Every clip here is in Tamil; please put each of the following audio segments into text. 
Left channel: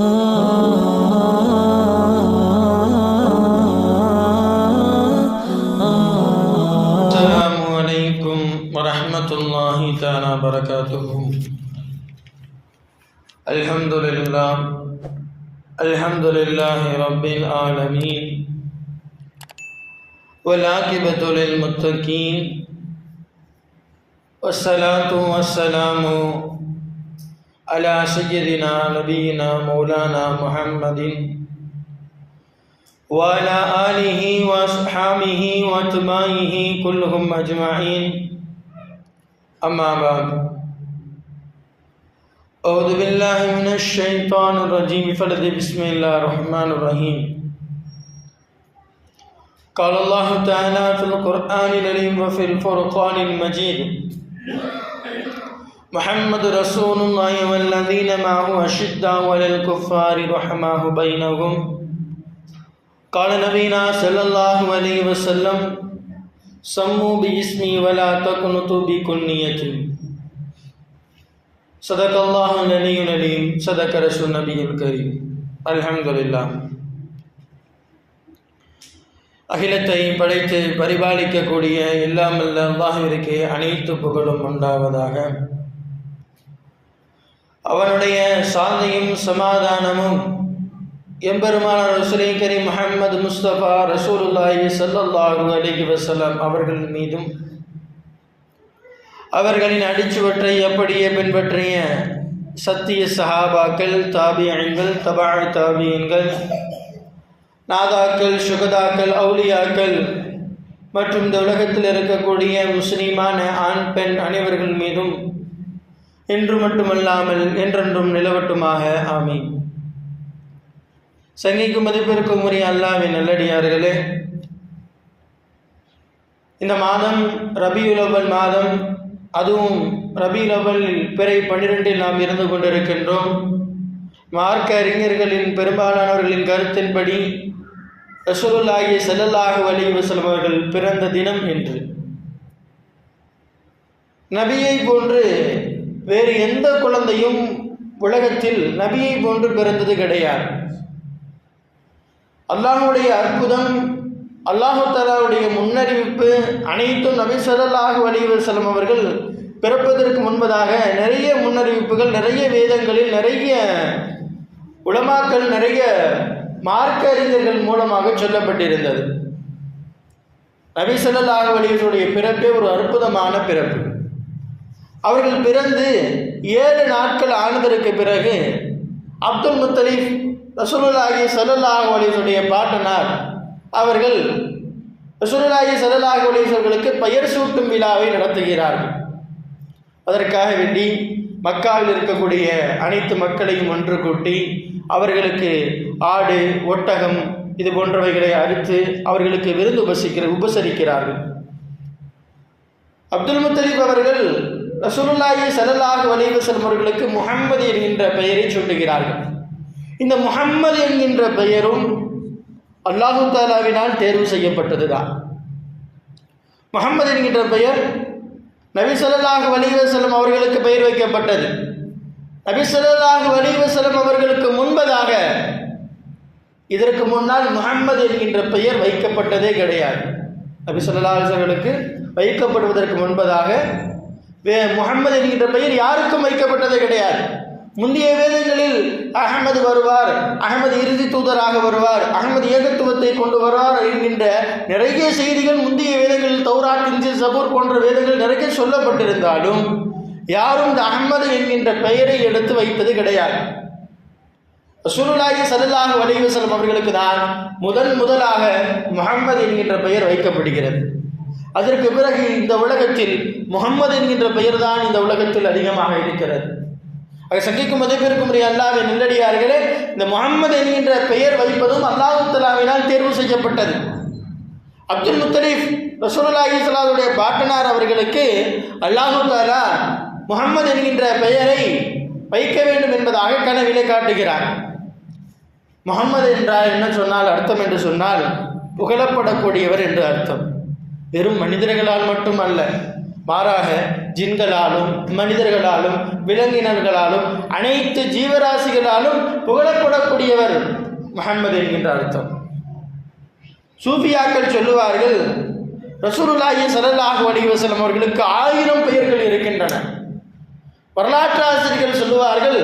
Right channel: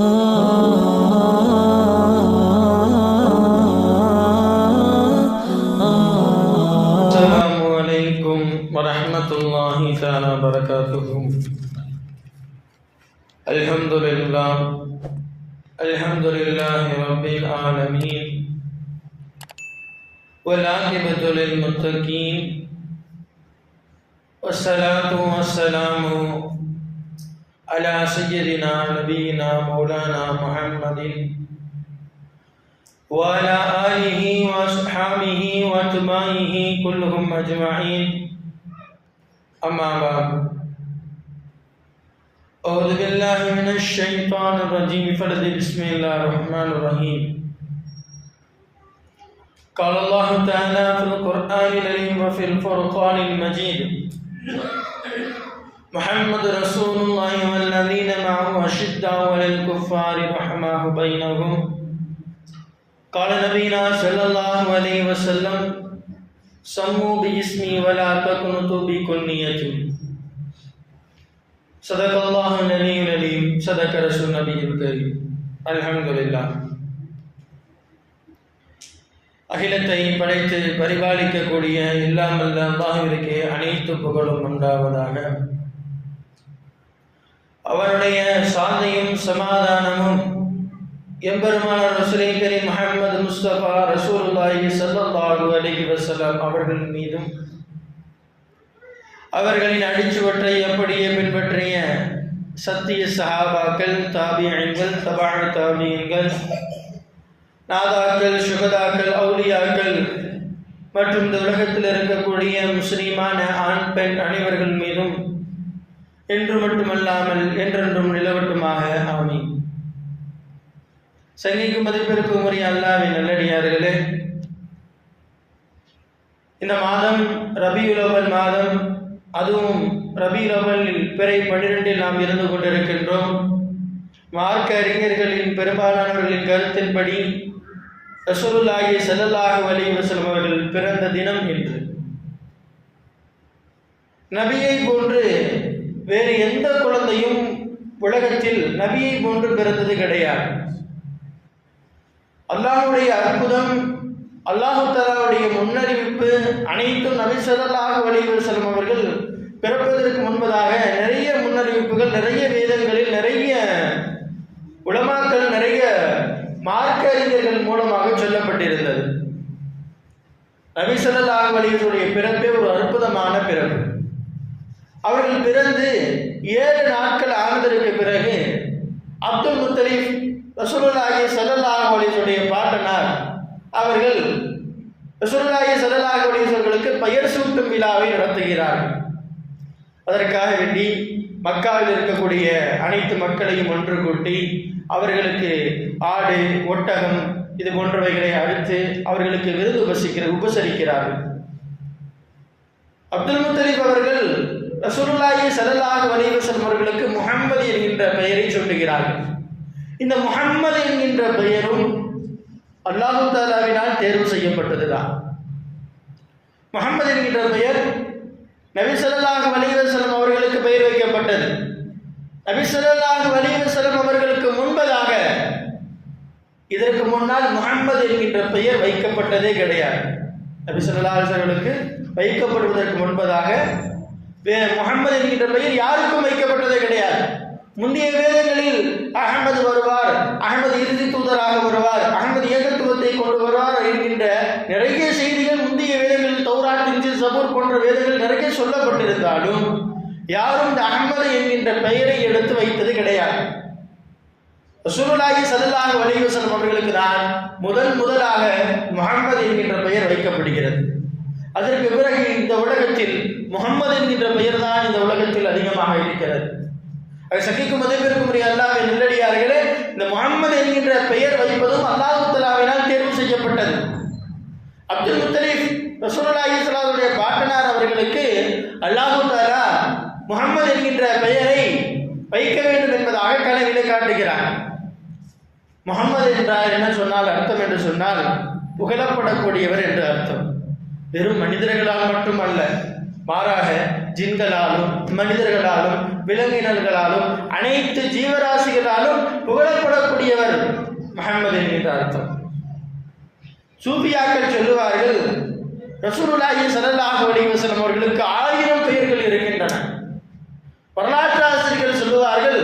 السلام علیکم ورحمۃ اللہ تعالیٰ وبرکاتہ الحمد للہ الحمد للہ رب العالمین ولاقبۃ للمتقین والصلاة والسلام على سيدنا نبينا مولانا محمد. وعلى آله وأصحابه وأتباعه كلهم أجمعين. أما بعد أعوذ بالله من الشيطان الرجيم. فرد بسم الله الرحمن الرحيم. قال الله تعالى في القرآن الكريم وفي الفرقان المجيد. محمد رسول الله والذين معه أشداء على الكفار رحماه بينهم قال نبينا صلى الله عليه وسلم سموا باسمي ولا تقنطوا بكنيتي صدق الله العلي العليم صدق رسول النبي الكريم الحمد لله அகிலத்தை படைத்து பரிபாலிக்கக்கூடிய இல்லாமல் அல்லாஹிற்கு அனைத்து புகழும் உண்டாவதாக அவனுடைய சாந்தியும் சமாதானமும் எம்பெருமான ரசுலை கரீம் முஹம்மது முஸ்தபா ரசூலுல்லாஹி ஸல்லல்லாஹு அலைஹி வஸல்லம் அவர்கள் மீதும் அவர்களின் அடிச்சுவற்றை அப்படியே பின்பற்றிய சத்திய சஹாபாக்கள் தாபியன்கள் தபாழ் தாபியன்கள் நாதாக்கள் சுகதாக்கள் அவுலியாக்கள் மற்றும் இந்த உலகத்தில் இருக்கக்கூடிய முஸ்லீமான ஆண் பெண் அனைவர்கள் மீதும் என்று மட்டுமல்லாமல் என்றென்றும் நிலவட்டுமாக. ஆமி சங்கைக்கு மதிப்பிற்கும் உரிய அல்லாவின் நல்லடியார்களே இந்த மாதம் ரபியுலவல் மாதம் அதுவும் ரபியுலவல் பிறை பன்னிரெண்டில் நாம் இருந்து கொண்டிருக்கின்றோம். மார்க்க அறிஞர்களின் பெரும்பாலானவர்களின் கருத்தின்படி ரசூலுல்லாஹி ஸல்லல்லாஹு அலைஹி வஸல்லம் அவர்கள் பிறந்த தினம் என்று நபியை போன்று வேறு எந்த குழந்தையும் உலகத்தில் நபியை போன்று பிறந்தது கிடையாது. அல்லாஹுடைய அற்புதம் அல்லாஹாலாவுடைய முன்னறிவிப்பு அனைத்தும் நபி ஸல்லல்லாஹு அலைஹி வஸல்லம் அவர்கள் பிறப்பதற்கு முன்பதாக நிறைய முன்னறிவிப்புகள் நிறைய வேதங்களில் நிறைய உலமாக்கள் நிறைய மார்க்க அறிஞர்கள் மூலமாக சொல்லப்பட்டிருந்தது. நபி ஸல்லல்லாஹு அலைஹி பிறப்பே ஒரு அற்புதமான பிறப்பு. அவர்கள் பிறந்து ஏழு நாட்கள் ஆனதற்கு பிறகு அப்துல் முத்தலீப் ரசூலுல்லாஹி ஸல்லல்லாஹு அலைஹி பாட்டனார். அவர்கள் ரசூலுல்லாஹி ஸல்லல்லாஹு அலைஹி பெயர் சூட்டும் விழாவை நடத்துகிறார்கள். அதற்காக வேண்டி மக்காவில் இருக்கக்கூடிய அனைத்து மக்களையும் ஒன்று கூட்டி அவர்களுக்கு ஆடு ஒட்டகம் இது போன்றவைகளை அறுத்து அவர்களுக்கு விருந்து உபசிக்கிற உபசரிக்கிறார்கள். அப்துல் முத்தலீப் அவர்கள் ரசூலுல்லாஹி ஸல்லல்லாஹு அலைஹி வஸல்லம் அவர்களுக்கு முஹம்மது என்கின்ற பெயரை சொல்லுகிறார்கள் இந்த முஹம்மது என்கின்ற பெயரும் அல்லாஹு தாலாவினால் தேர்வு செய்யப்பட்டதுதான். முகம்மது என்கின்ற பெயர் நபி ஸல்லல்லாஹு அலைஹி அவர்களுக்கு பெயர் வைக்கப்பட்டது. நபி ஸல்லல்லாஹு அலைஹி அவர்களுக்கு முன்பதாக இதற்கு முன்னால் முகம்மது என்கின்ற பெயர் வைக்கப்பட்டதே கிடையாது. நபி ஸல்லல்லாஹு அவர்களுக்கு வைக்கப்படுவதற்கு முன்பதாக முகமது முகம்மது என்கின்ற பெயர் யாருக்கும் வைக்கப்பட்டதே கிடையாது. முந்தைய வேதங்களில் அகமது வருவார் அகமது இறுதி தூதராக வருவார் அகமது ஏகத்துவத்தை கொண்டு வருவார் என்கின்ற நிறைய செய்திகள் முந்தைய வேதங்களில் தௌராத்தின் சபூர் போன்ற வேதங்கள் நிறைய சொல்லப்பட்டிருந்தாலும் யாரும் இந்த அகமது என்கின்ற பெயரை எடுத்து வைத்தது கிடையாது. சுருளாகி சதுல்லாக அலைஹி அவர்களுக்கு தான் முதல் முதலாக முகமது என்கின்ற பெயர் வைக்கப்படுகிறது. அதற்கு பிறகு இந்த உலகத்தில் முகம்மது என்கின்ற பெயர் தான் இந்த உலகத்தில் அதிகமாக இருக்கிறது. அதை சந்திக்கும் மதிப்பிற்கும் உரிய அல்லாவின் நெல்லடியார்களே இந்த முகம்மது என்கின்ற பெயர் வைப்பதும் அல்லாஹு தலாவினால் தேர்வு செய்யப்பட்டது. அப்துல் முத்தலீப் ரசூலுல்லாஹி ஸல்லல்லாஹுடைய பாட்டனார் அவர்களுக்கு அல்லாஹு தாலா முகம்மது என்கின்ற பெயரை வைக்க வேண்டும் என்பதாக கனவிலே காட்டுகிறார். முகம்மது என்றார் என்ன சொன்னால் அர்த்தம் என்று சொன்னால் புகழப்படக்கூடியவர் என்று அர்த்தம். வெறும் மனிதர்களால் மட்டும் அல்ல மாறாக ஜின்களாலும் மனிதர்களாலும் விலங்கினர்களாலும் அனைத்து ஜீவராசிகளாலும் புகழப்படக்கூடியவர் முகமது என்கின்ற அர்த்தம். சூபியாக்கள் சொல்லுவார்கள் ரசூலுல்லாஹி சரலாக அலைஹி அவர்களுக்கு ஆயிரம் பெயர்கள் இருக்கின்றன. வரலாற்று ஆசிரியர்கள் சொல்லுவார்கள்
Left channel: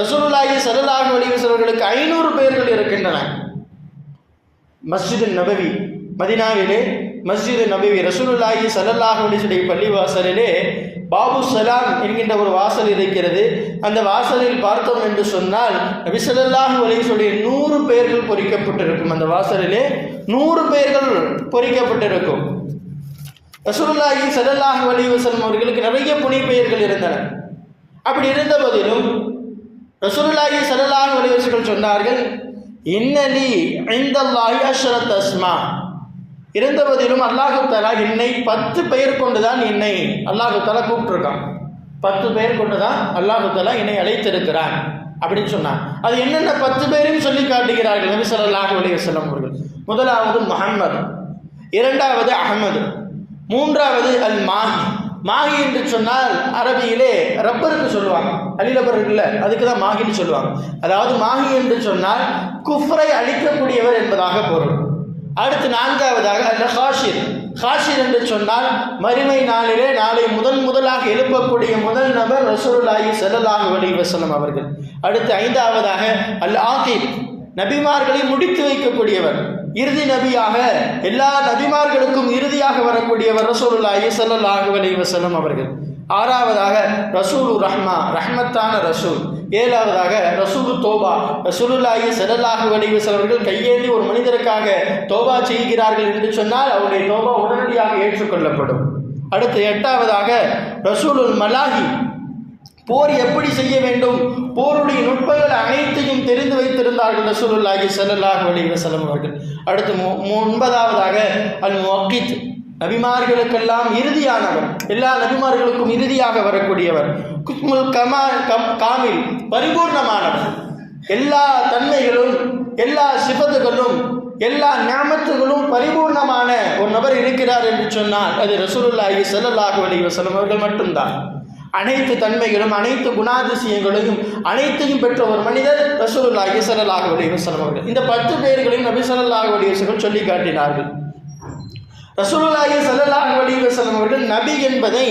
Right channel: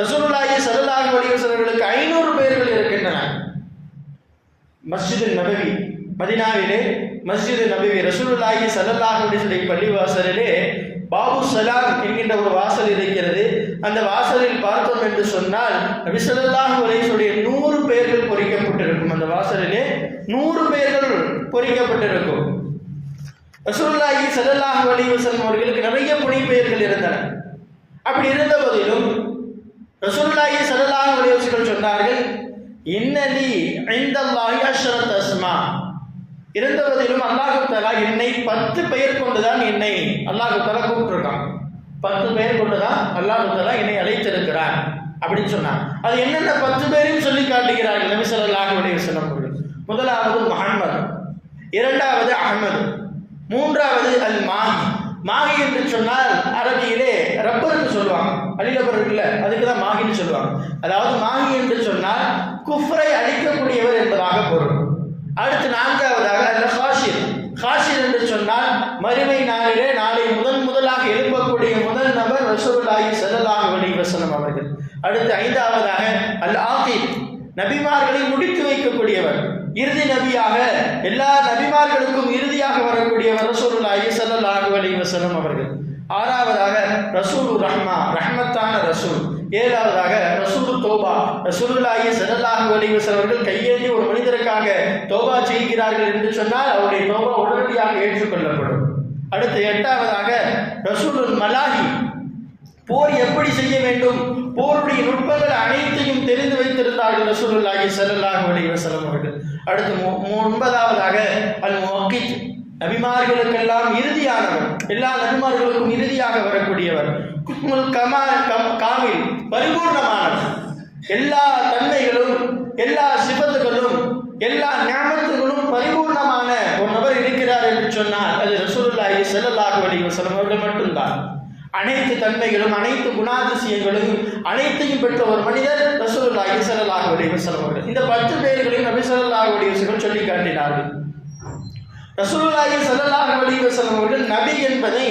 ரசூலுல்லாஹி சரலாக அலைஹி அவர்களுக்கு ஐநூறு பெயர்கள் இருக்கின்றன. மஸ்ஜிது நபவி மதினாவிலே மஸ்ஜிது நபி ரசூலுல்லாஹி ஸல்லல்லாஹு அலைஹி பள்ளி பள்ளிவாசலிலே பாபு சலாம் என்கின்ற ஒரு வாசல் இருக்கிறது. அந்த வாசலில் பார்த்தோம் என்று சொன்னால் நபி சல்லல்லாஹு அலைஹி நூறு பெயர்கள் பொறிக்கப்பட்டிருக்கும். அந்த வாசலிலே நூறு பேர்கள் பொறிக்கப்பட்டிருக்கும். ரசூலுல்லாஹி சல்லல்லாஹு அலைஹி வஸல்லம் அவர்களுக்கு நிறைய புனி பெயர்கள் இருந்தன. அப்படி இருந்த போதிலும் ரசூலுல்லாஹி சல்லல்லாஹு அலைஹி சொன்னார்கள் இன்னலி இந்தல்லாஹி அஷ்ரத் அஸ்மா. இருந்தபதிலும் அல்லாஹு என்னை பத்து பெயர் கொண்டுதான் என்னை அல்லாஹு தஆலா கூப்பிட்டுருக்கான். பத்து பெயர் கொண்டுதான் அல்லாஹு தஆலா என்னை அழைத்திருக்கிறான் அப்படின்னு சொன்னான். அது என்னென்ன பத்து பேரையும் சொல்லி காட்டுகிறார்கள்? நபி ஸல்லல்லாஹு அலி வசலம் அவர்கள். முதலாவது முஹம்மது இரண்டாவது அஹமது மூன்றாவது அல் மாஹி மாஹி என்று சொன்னால் அரபியிலே ரப்பருக்கு சொல்லுவாங்க. அலிலபர் இருக்குல்ல அதுக்கு தான் மாஹின்னு சொல்லுவாங்க. அதாவது மாஹி என்று சொன்னால் குஃப்ரை அழிக்கக்கூடியவர் என்பதாக பொருள். அடுத்து நான்காவதாக அல்ல ஹாஷிர் ஹாஷிர் என்று சொன்னால் மறுமை நாளிலே நாளை முதன் முதலாக எழுப்பக்கூடிய முதல் நபர் ரசூலுல்லாஹி செல்லலாக வழி வசனம் அவர்கள். அடுத்து ஐந்தாவதாக அல் ஆகிப் நபிமார்களை முடித்து வைக்கக்கூடியவர். இறுதி நபியாக எல்லா நபிமார்களுக்கும் இறுதியாக வரக்கூடியவர் ரசூலுல்லாஹி ஸல்லல்லாஹு அலைஹி வஸல்லம் அவர்கள். ஆறாவதாக ரசூலு ரஹ்மா ரஹ்மத்தான ரசூல். ஏழாவதாக ரசூலு தோபா. ரசூலுல்லாஹி ஸல்லல்லாஹு அலைஹி வஸல்லம் அவர்கள் கையேந்தி ஒரு மனிதருக்காக தோபா செய்கிறார்கள் என்று சொன்னால் அவருடைய தோபா உடனடியாக ஏற்றுக்கொள்ளப்படும். அடுத்து எட்டாவதாக ரசூலுல் மலாஹி. போர் எப்படி செய்ய வேண்டும்? போருடைய நுட்பங்கள் அனைத்தையும் தெரிந்து வைத்திருந்தார்கள் ரசூலுல்லாஹி ஸல்லல்லாஹு அலைஹி வஸல்லம் அவர்கள். அடுத்து மு- மு- ஒன்பதாவதாக அல் மொக்கித் நபிமார்களுக்கெல்லாம் இறுதியானவர். எல்லா நபிமார்களுக்கும் இறுதியாக வரக்கூடியவர். குஸ்முல் கமா கம் காமில் பரிபூர்ணமானவர். எல்லா தன்மைகளும் எல்லா சிபத்துகளும் எல்லா ஞாபகத்துகளும் பரிபூர்ணமான ஒரு நபர் இருக்கிறார் என்று சொன்னால் அது ரசூலுல்லாஹி ஸல்லல்லாஹு அலைஹி வஸல்லம் அவர்கள் மட்டும்தான். அனைத்து தன்மைகளும் அனைத்து குணாதிசயங்களையும் அனைத்தையும் பெற்ற ஒரு மனிதர் ரசூலுல்லாஹி ஸல்லல்லாஹு அலைஹி வஸல்லம் அவர்கள். இந்த பத்து பேர்களையும் நபி ஸல்லல்லாஹு அலைஹி வஸல்லம் சொல்லி காட்டினார்கள். ரசூலுல்லாஹி ஸல்லல்லாஹு அலைஹி வஸல்லம் அவர்கள் நபி என்பதை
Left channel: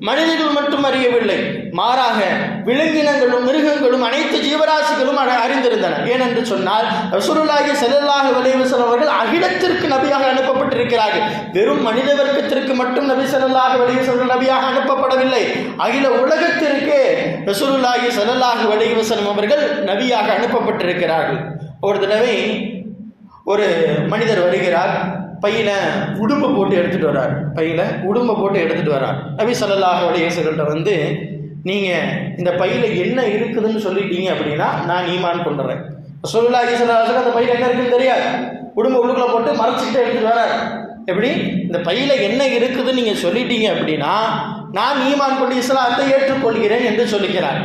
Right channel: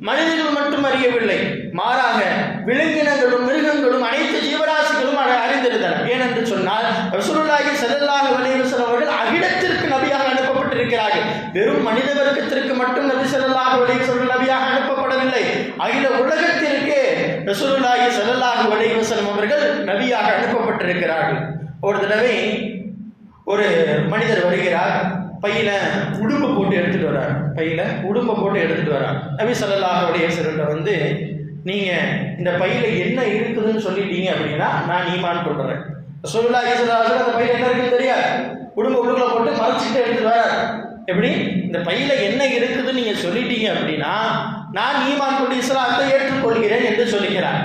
மனிதர்கள் மட்டும் அறியவில்லை. மாறாக விலங்கினங்களும் மிருகங்களும் அனைத்து ஜீவராசிகளும் அட- அறிந்திருந்தன ஏனென்று சொன்னால் ரசூலுல்லாஹி ஸல்லல்லாஹு அலைஹி வஸல்லம் அவர்கள் அகிலத்திற்கு நபியாக அனுப்பப்பட்டிருக்கிறார்கள். வெறும் மனித வர்க்கத்திற்கு மட்டும் நபி ஸல்லல்லாஹு அலைஹி வஸல்லம் நபியாக அனுப்பப்படவில்லை. அகில உலகத்திற்கே ரசூலுல்லாஹி ஸல்லல்லாஹு அலைஹி வஸல்லம் அவர்கள் நபியாக அனுப்பப்பட்டிருக்கிறார்கள். ஒரு தடவை ஒரு மனிதர் வருகிறார். பையில உடும்பை போட்டு எடுத்துட்டு வரார். பையில உடும்பை போட்டு எடுத்துட்டு வரார். நபி ஸல்லல்லாஹு அலைஹி வந்து நீங்கள் இந்த பையில என்ன இருக்குதுன்னு சொல்லிட்டீங்க அப்படின்னா நான் ஈமான் கொண்டுறேன். ரசூலுல்லாஹி ஸல்லல்லாஹு அந்த பையில என்ன இருக்குன்னு தெரியாது. உடும்பை உள்ளுக்குள்ள போட்டு மறைச்சிட்டு எடுத்துட்டு வரார். எப்படி? இந்த பையில என்ன இருக்குதுன்னு நீங்கள் சொல்லிட்டீங்க அப்படின்னா நான் ஈமான் கொண்டு இஸ்லாத்தை ஏற்றுக்கொள்கிறேன் என்று சொல்லிக்கிறார்.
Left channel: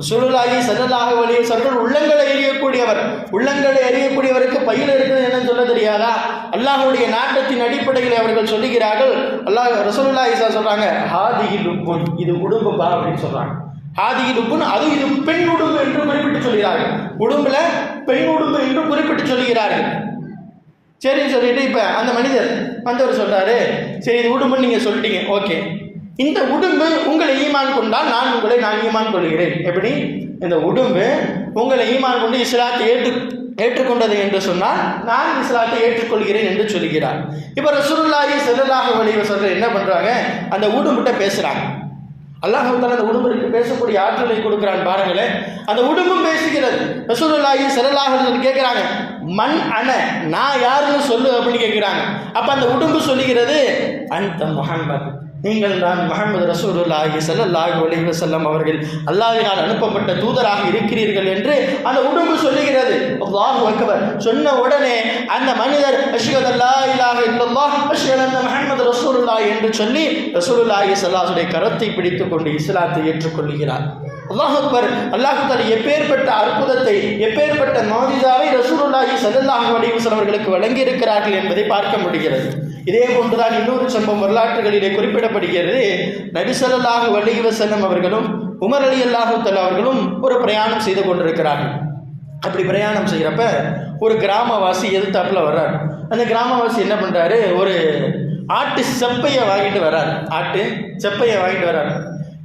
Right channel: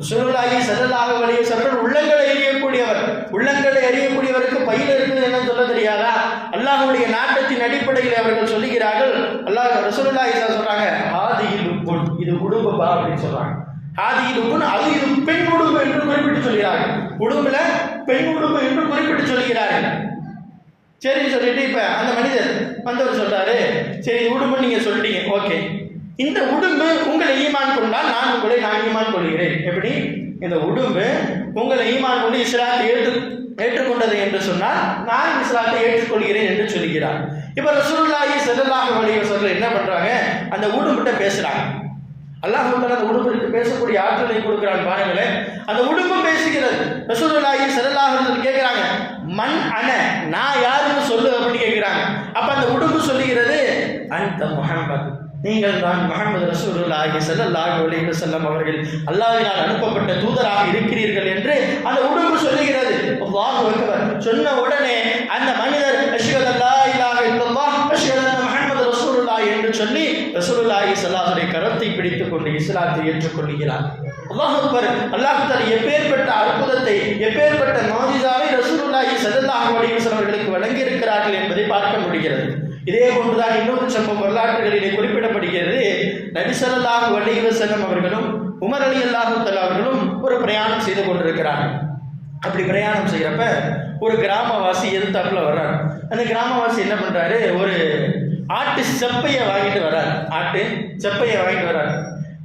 சுருளாகி ஸல்லல்லாஹு வழிய வஸல்லம் உள்ளங்களை எரியக்கூடியவர். உள்ளங்களை எரியக்கூடியவருக்கு பயிர் இருக்குது என்னன்னு சொல்ல தெரியாதா? அல்லாஹுடைய நாட்டத்தின் அடிப்படையில் அவர்கள் சொல்லுகிறார்கள். அல்லாஹ் ரசூலுல்லாஹி ஸல்லல்லாஹு சொல்றாங்க ஹாதியில் உப்புன் இது உடும்புப்பா அப்படின்னு சொல்றாங்க. ஹாதியில் உப்புன் அது இது பெண் உடும்பு என்று குறிப்பிட்டு சொல்கிறார்கள். உடும்புல பெண் உடும்பு என்று குறிப்பிட்டு சொல்கிறார்கள். சரி சொல்லிட்டு இப்போ அந்த மனிதர் வந்தவர் சொல்றாரு. சரி இது உடும்புன்னு நீங்கள் சொல்லிட்டீங்க. ஓகே. இந்த உடும்பு உங்களை ஈமான் கொண்டால் நான் உங்களை நான் ஈமான் கொள்கிறேன். எப்படி? இந்த உடும்பு உங்களை ஈமான் கொண்டு இஸ்லாத்தை ஏற்று ஏற்றுக்கொண்டது என்று சொன்னால் நான் இஸ்லாத்தை ஏற்றுக்கொள்கிறேன் என்று சொல்கிறார். இப்போ ரசூலுல்லாஹி ஸல்லல்லாஹு அலைஹி வஸல்லம் என்ன பண்றாங்க? அந்த உடும்பிட்ட பேசுறாங்க. அல்லாஹ் தஆலா அந்த உடும்புக்கு பேசக்கூடிய ஆற்றலை கொடுக்கிறான் பாருங்களேன். அந்த உடும்பும் பேசுகிறது. ரசூலுல்லாஹி ஸல்லல்லாஹு அலைஹி கேட்குறாங்க மண் அன நான் யாருன்னு சொல்லு அப்படின்னு கேட்குறாங்க அப்போ அந்த உடும்பு சொல்லுகிறது அந்த முகமது நீங்கள் தான் முஹம்மது ரசூலுல்லாஹி சல்லாஹ் அலைஹி செல்லம் அவர்கள். அல்லாஹ்வினால் அனுப்பப்பட்ட தூதராக இருக்கிறீர்கள் என்று அந்த உடம்பு சொல்லுகிறது. அல்லாஹு அக்பர். சொன்ன உடனே அந்த மனிதர் அஷ்ஹது அல்லா இலாஹ இல்லல்லாஹ் அஷ்ஹது அந்த முஹம்மது ரசூலுல்லாஹ் என்று சொல்லி ரசூலுல்லாஹி ஸல்லல்லாஹு கரத்தை பிடித்துக் கொண்டு இஸ்லாத்தை ஏற்றுக்கொள்கிறார். அல்லாஹ் அக்பர். அல்லாஹ் எப்பேற்பட்ட அற்புதத்தை எப்பேற்பட்ட மாஜிதாவை ரசூலுல்லாஹி ஸல்லல்லாஹு அலைஹி அவர்களுக்கு வழங்கியிருக்கிறார்கள் என்பதை பார்க்க முடிகிறது. இதே போன்றுதான் இன்னொரு சம்பவம் வரலாற்றுகளிலே குறிப்பிடப்படுகிறது. நபிசல்லாஹு வள்ளிவ செல்லம் அவர்களும் உமர் அலி அல்லாஹு அவர்களும் ஒரு பிரயாணம் செய்து கொண்டிருக்கிறார்கள். அப்படி பிரயாணம் செய்கிறப்ப ஒரு கிராமவாசி எதிர்த்தாப்புல வர்றார். அந்த கிராமவாசி என்ன பண்ணுறாரு ஒரு ஆட்டு செப்பையை வாங்கிட்டு வர்றார். ஆட்டு செப்பையை வாங்கிட்டு வர்றார்.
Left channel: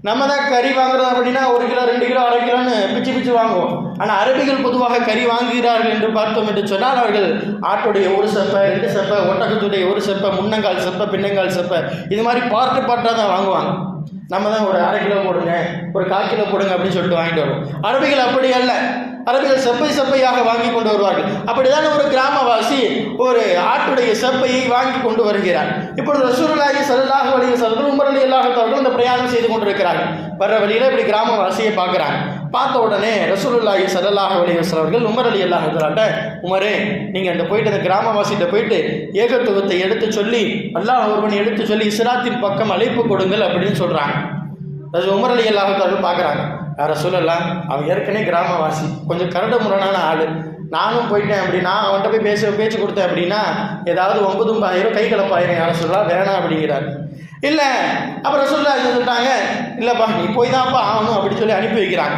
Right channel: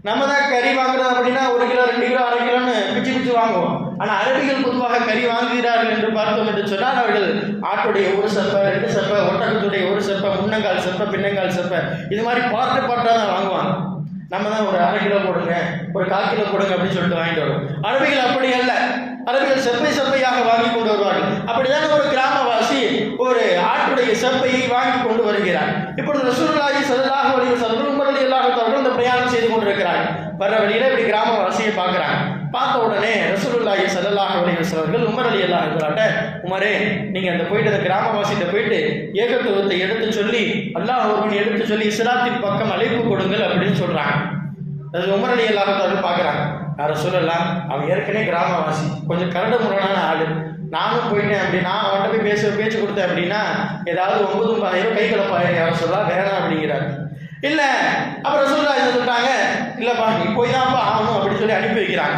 நம்ம தான் கறி வாங்குறோம் அப்படின்னா ஒரு கிலோ ரெண்டு கிலோ அரை கிலோன்னு பிச்சு பிச்சு வாங்குவோம். ஆனால் அரபிகள் பொதுவாக கறி வாங்குகிறார்கள் என்று பார்த்தோம் என்று சொன்னால் அவர்கள் ஆட்டுடைய ஒரு செப்பை ரெண்டு செப்பை ஒட்டகத்துடைய ஒரு செப்பை முன்னங்கால் செப்பை பின்னங்கால் செப்பை இது மாதிரி பார்ட்டு பார்ட்டாக தான் வாங்குவாங்க. நம்ம தான் ஒரு அரை கிலோ போடுங்க ஒரு கால் கிலோ போடுங்க அப்படின்னு சொல்லிட்டு வாங்கிட்டு வருவோம். அரபிகள் அப்படி அல்ல. அரபிகள் செப்பை செப்பையாக வாங்கி கொண்டு வருவார்கள். அப்படிதான் ஒரு கிராமவாசி ஒரு ஆட்டுடைய செப்பையை வாங்கி கொண்டு வருகிறார் இப்பொழுது ரசூர்லாஜி ஸல்லல்லாஹு அலைஹி வஸல்லம் உமர் ரலியல்லாஹு அந்த பிரயாணம் செய்து கொண்டிருக்கிறார்கள். வர்ற வழியில் இப்படி கிராமவாசியை பார்க்குறாங்க. பார்த்த உடனே ரசூலுல்லாஹி சல்லாஹ் அலைஹி அவர்கள் உமர் ரலியல்லாஹு தஆலாட்ட உமரே நீங்கள் அந்த போயிட்டு அந்த கிராமவாசிகிட்ட போயிட்டு ஏகத்துவத்தை எடுத்து சொல்லி அல்லாஹ் ஒருவன் எடுத்து சொல்லி இஸ்லாத்தின் பக்கம் அழைப்பு கொடுங்கள் அப்படின்னு சொல்கிறாங்க அது உமர் அலி அல்லாஹாலும் பார்க்குறாங்க. வேற சொல்லலாம் அவன் ஏற்கனவே கிராமவாசி. கொஞ்சம் கரடு முரணான ஆள். நானும் போயிட்டேன் அப்படின்னா அவன்கிட்ட போய் பேச பேச்சு கொடுத்தேன் அப்படின்னா ஏதாவது ஒன்பதும் பாயிரம் கை கலப்பாயிரம். யாரும் சொல்லலாம் வேணாம் அப்படிங்கிறார். இல்லை அப்புறம் சொல்ல என்ன சொல்லிட்டாங்க இல்லைப்பா நீ போய் தான்ப்பா ஆகணும் அப்படின்னு சொல்லி அனுப்பி வைக்கிறாங்க.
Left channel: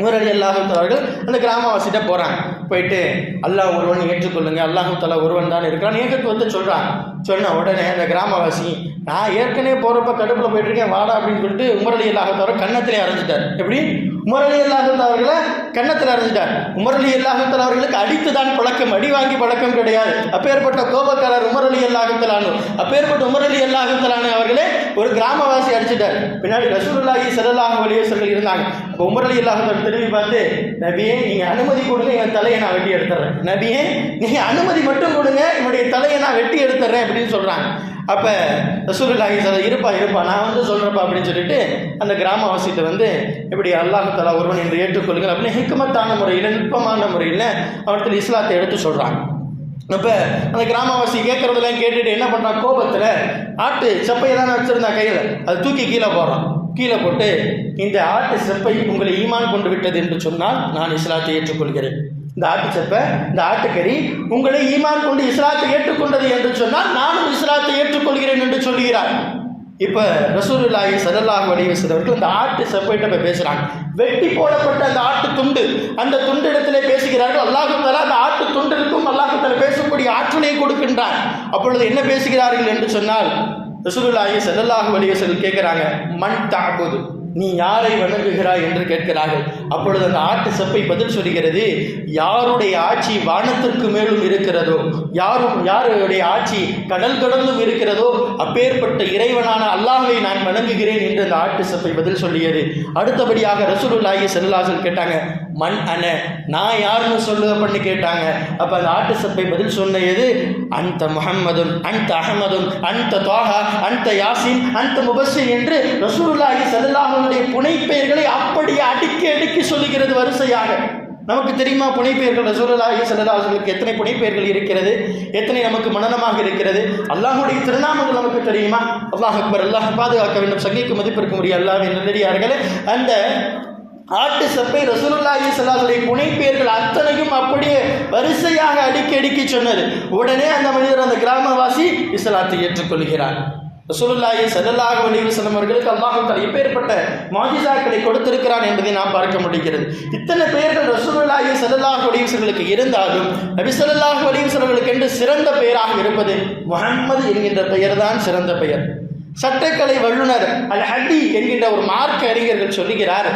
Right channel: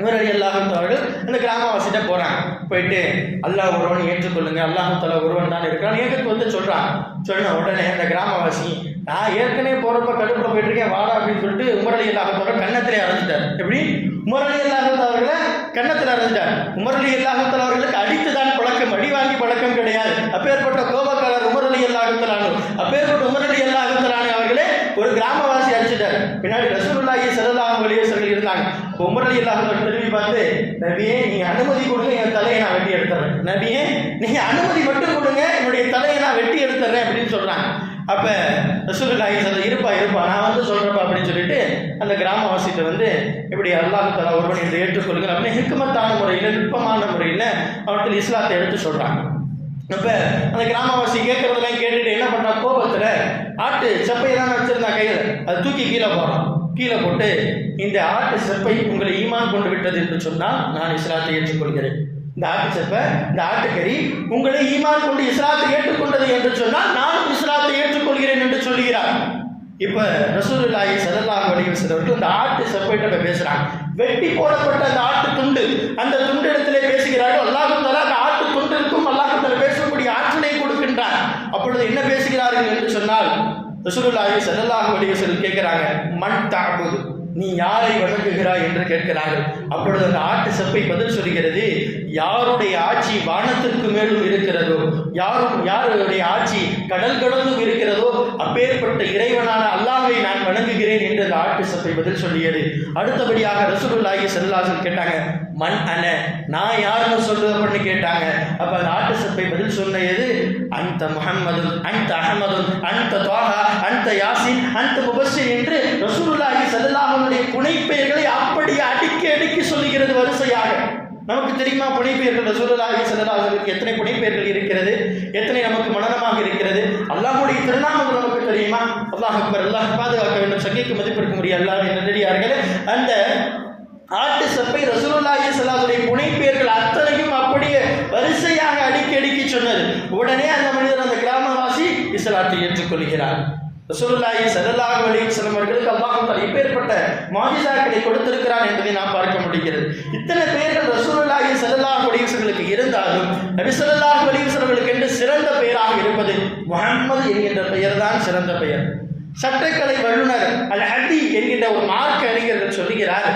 உமர் அலி அவர்கள் அந்த கிராமவாசிட்ட போகிறாங்க போயிட்டு அல்லாஹ் ஒருவன் ஏற்றுக்கொள்ளுங்க. அல்லாஹூ தலா ஒருவன் தான் இருக்கிறான். ஏகத்துவத்தை சொல்கிறான் சொன்ன உடனே அந்த கிராமவாசி நான் ஏற்கனவே போகிறப்ப கடுப்பில் போயிட்டு இருக்கேன் வாடா அப்படின்னு சொல்லிட்டு உமரலி அல்லாஹத்தவரை கன்னத்திலே அரைஞ்சிட்டார். எப்படி? உமரலி அல்லாஹத்தவர்களை கன்னத்தில் அரைஞ்சிட்டார். உமரலி அல்லாஹத்தல் அவர்களுக்கு அடித்து தான் பழக்கம். அடி வாங்கி பழக்கம் கிடையாது. அப்பேற்பட்ட கோபக்காரர் உமரலி அல்லாஹத்தலானு அப்பேற்பட்ட உமரலி அல்லாஹத்தலானு அவர்களே ஒரு கிராமவாசி அடிச்சிட்டார். பின்னாடி ரசூலுல்லாஹி ஸல்லல்லாஹு அலைஹி இருந்தாங்க. அப்போ உமரலி திரும்பி பார்த்து நபியே நீங்கள் அனுமதி கொடுங்க என் தலையை நான் வெட்டி எடுத்துறேன். நபியே நீங்கள் அனுமதி மட்டும் கொடுங்க என்னுடைய தலையை நான் வெட்டி எடுத்துறேன் அப்படின்னு சொல்கிறாங்க அப்போ ரசூலுல்லாஹி சொல்ல இருப்பா இருப்பா நான் வந்து சொல்கிறப்பா அப்படின்னு சொல்லிட்டு அந்த கிராமவாசியத்தை வந்து இப்படி அல்லாஹு தலா ஒருவன் என்று ஏற்றுக்கொள்ளுங்கள் அப்படின்னு ஹிக்குமத்தான முறையில் நுட்பமான முறையில் அவர்கள் இஸ்லாத்தை எடுத்து சொல்கிறாங்க அப்போ அந்த கிராமவாசி கேட்குறதெல்லாம் கேட்டுட்டு என்ன பண்ணுறான் கோபத்தில் ஆட்டு செப்பையை தானே வச்சுருந்தான் கையில் அதை தூக்கி கீழே போகிறான் கீழே போட்டு இந்த ஆட்டு செப்பை உங்களை ஈமான் கொண்டு விட்டது என்று சொன்னால் நான் இஸ்லாத்தை ஏற்றுக்கொள்கிறேன். இந்த ஆட்டு செப்பை இந்த ஆட்டுக்கறி உங்களை ஈமான் கொண்டு இஸ்லாத்தை ஏற்றுக்கொண்டது என்று சொன்னால் நானும் இஸ்லாத்தை ஏற்றுக்கொள்கிறேன் என்று சொல்கிறார் இப்போ ரசூலுல்லாஹி ஸல்லல்லாஹு அலைஹி வஸல்லம் அந்த ஆட்டு செப்பைட்ட போய் பேசுறாங்க. வெட்டி போடப்பட்ட அந்த ஆட்டு துண்டு அந்த துண்டு இடத்திலே பேசுகிறார்கள் அல்லாஹு அந்த ஆட்டு துண்டிற்கும் அல்லாஹு தஆலா பேசக்கூடிய ஆற்றலை கொடுக்கின்றார். அப்பொழுது என்ன பேசுகிறார்கள் என்று சொன்னால் ரசூலுல்லாஹி செல்லல்லாஹு அலைஹி வஸல்லம் கேட்குறாங்க மண் தாக்குது நீ யாரை வணங்குகிறாய் என்று கேட்கிறார்கள். அப்பொழுது அந்த ஆட்டு செப்பை பதில் சொல்கிறது யாருடைய ஆட்சி வானத்திற்கு மேலும் இருக்கிறதோ யாரும் யாருடைய ஆட்சி கடல் கடந்தும் இருக்கிறதோ அப்பேற்பட்ட இறைவனான அல்லாஹை நான் வணங்குகிறேன் என்று அந்த ஆட்டு செப்பை பதில் சொல்லியது அடுத்தபடியாக ரசூலுல்லாஹி செல்லாசல் கேட்டாங்க மண் அன நான் யாருன்னு சொல்லு அப்படின்னு கேட்டாங்க. அப்ப அந்த ஆட்டு சப்பை பதில் சொன்னது அந்த முகம்மதும் அந்த அகமதும் அந்த தோஹா அந்த யாசின் அந்த முபஸ்ஸிர் என்று ரசூலுல்லாஹி ஸல்லல்லாஹுடைய புனைப்பெயர்களை அப்படியே அடிக்க அடிக்க சொல்லுகிறது வரிசையாக. நமக்கு தெரியுமா புனைப்பெயர்கள்? ரசூலுல்லாஹி ஸல்லல்லாஹுக்கு எத்தனை புனைப்பெயர்கள் இருக்கிறது? எத்தனை நமக்கு மனநமாக இருக்கிறது? அல்லாஹுடைய திருநாமங்கள் நமக்கு தெரியுமா? அல்லாஹ் அக்பர் அல்லாஹ் பாதுகாக்க வேண்டும். சங்கிக்கு மதிப்பிருக்க முடியும் அல்லாஹ்வின் நல்லடியார்களே அந்த ஆட்டு செப்பை ரசூலுல்லாஹி ஸல்லல்லாஹுடைய புனைப்பெயர்கள் அத்தனையும் அப்படியே வரிசையாக அடுக்கி அடுக்கி சொன்னது. உடனே அந்த மனிதர் அந்த கிராமவாசி இஸ்லாத்தை ஏற்றுக்கொள்கிறார். ரசூலுல்லாஹி ஸல்லல்லாஹு அலைஹி வஸல்லம் அவர்களுக்கு அல்லாஹ் தஆலா இப்பேற்பட்ட மாஜிசாக்களை கொடுத்திருக்கிறான் என்பதை நாம் பார்க்க முடிகிறது. இத்தனை பேர்கள் ரசூலுல்லாஹி ஸல்லல்லாஹு அலைஹி வஸல்லுக்கு இருந்தாலும் நபி ஸல்லல்லாஹு அலைஹி என்று சிறந்த பெயராக இருப்பது முஹம்மது என்கின்ற பெயர்தான் சிறந்த பெயர். சட்டக்கலை வல்லுனர் அல் ஹட்டி என்கின்ற ஒரு மார்க்க அறிஞர்கள் சொல்லுகிறார்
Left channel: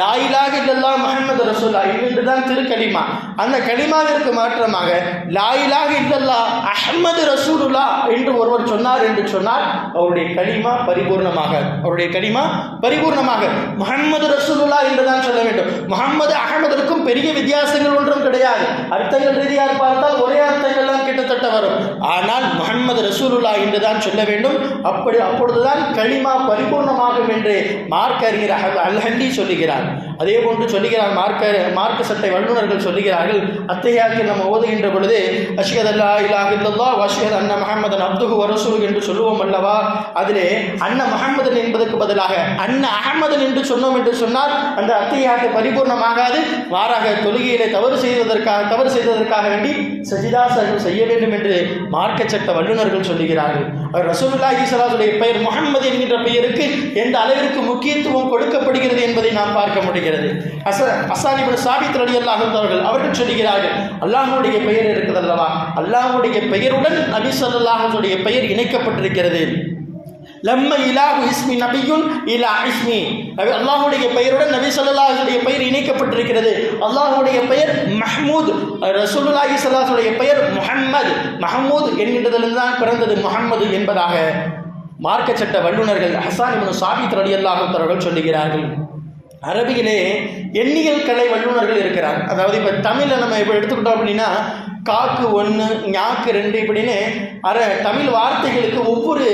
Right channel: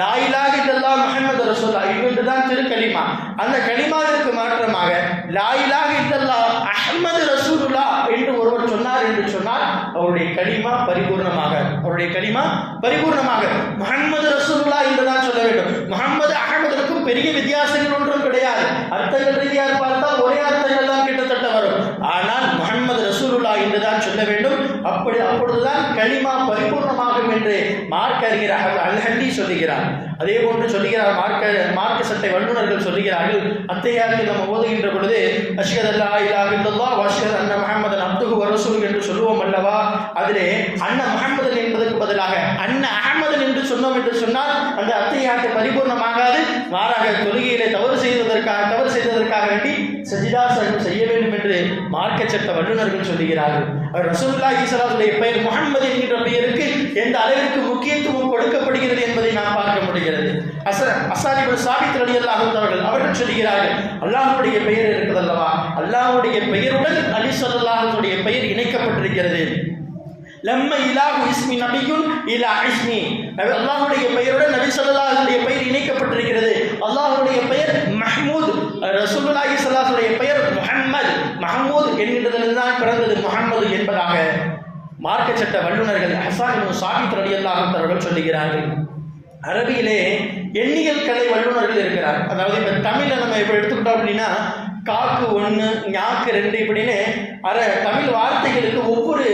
லாயிலாக இல்லல்லா முஹம்மது ரசூல்லா என்று தான் திருக்கலிமா. அந்த கலிமாவிற்கு மாற்றமாக லாயிலாக இல்லல்லா அஹமது ரசூலுல்லா என்று ஒருவர் சொன்னார் என்று சொன்னால் அவருடைய கனிமா பரிபூர்ணமாக அவருடைய கனிமா பரிபூர்ணமாக. முகமது ரசூலுல்லா என்று தான் சொல்ல வேண்டும். முகமது அகமதற்கும் பெரிய வித்தியாசங்கள் ஒன்றும் கிடையாது. அர்த்தங்கள் ரீதியாக பார்த்தால் ஒரே அர்த்தங்கள் தான் கிட்டத்தட்ட வரும். ஆனால் முகமது ரசூலுல்லா என்று தான் சொல்ல வேண்டும். அப்படி அப்பொழுதுதான் களிமா பரிபூர்ணமாகும் என்று மார்க் அறிஞர் அல்ஹண்டி சொல்லுகிறார். அதே போன்று சொல்லுகிறார் மார்க்க மார்க்க சட்டை வல்லுநர்கள் சொல்லுகிறார்கள் அத்தையாக்கு நம்ம ஓதுகின்ற பொழுது அஷ்கத் அல்லா இலாஹ் இல்லல்லா வாஷ்கத் அண்ண முஹம்மதன் அப்துகு வரசூல் என்று சொல்லுவோம் அல்லவா? அதிலே அண்ண முகமதன் என்பதற்கு பதிலாக அண்ண அகமதன் என்று சொன்னோம் என்று சொன்னால் அந்த அத்தையாக்கு பரிபூர்ணமாகாது. மாறாக தொழுகையிலே தவறு செய்ததற்காக தவறு செய்ததற்காக வேண்டி சஜிதா செய்ய வேண்டும் என்று மார்க்க சட்ட வல்லுநர்கள் சொல்லுகிறார்கள். அவர் ரசூலுல்லாஹி சலாசுடைய பெயர் முகமது என்கின்ற பெயருக்கு எந்த அளவிற்கு முக்கியத்துவம் கொடுக்கப்படுகிறது என்பதை நாம் பார்க்க முடிகிறது. அச அசானிபுல் சாபித் அலி அல்லாஹர்கள் அவர்கள் சொல்லுகிறார்கள் அல்லாஹுடைய பெயர் இருக்குதல்லவா அல்லாஹ்வுடைய பெயருடன் நபி சொல்லாஹுடைய பெயர் இணைக்கப்பட்டிருக்கிறது. லம்ம இலாஹு இஸ்மி நபியுன் இலா இஸ்மி. நபி அல்லாஹ்வுடைய பெயருடன் நபி சொல்லாஹுடைய பெயர் இணைக்கப்பட்டிருக்கிறது. அல்லாஹுடைய பெயர் மஹமூத். ரசூலுல்லாஹி ஸல்லல்லாஹுடைய பெயர் முஹம்மது. மஹமூத் என்கின்றதிலிருந்து பிறந்தது முகமது என்பதாக மார்க்க சட்ட வல்லுநர்கள் ஹசான் இப்னு சாபித் ரலியல்லாஹு அவர்கள் சொல்லுகிறார்கள். அரபியிலே எண்ணியல் கலை வல்லுநர்கள் இருக்கிறார். அதாவது இப்போ தமிழில் நம்ம இப்போ எடுத்துக்கிட்டோம் அப்படின்னா காக்கு ஒன்று ஞாக்கு ரெண்டு இப்படின்னு அர தமிழ் வார்த்தைகளுக்கு ஒவ்வொரு